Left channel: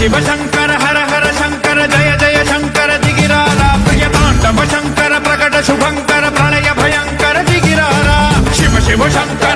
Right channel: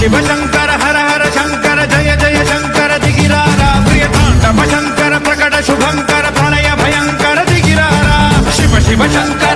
शिव शंकर हर हर शंकर जय जय शंकर दिगिरारा प्रिय तांडव शंकर प्रकट शुभंकर प्रणय भयंकर दिगिरारा शिव शिव शंकर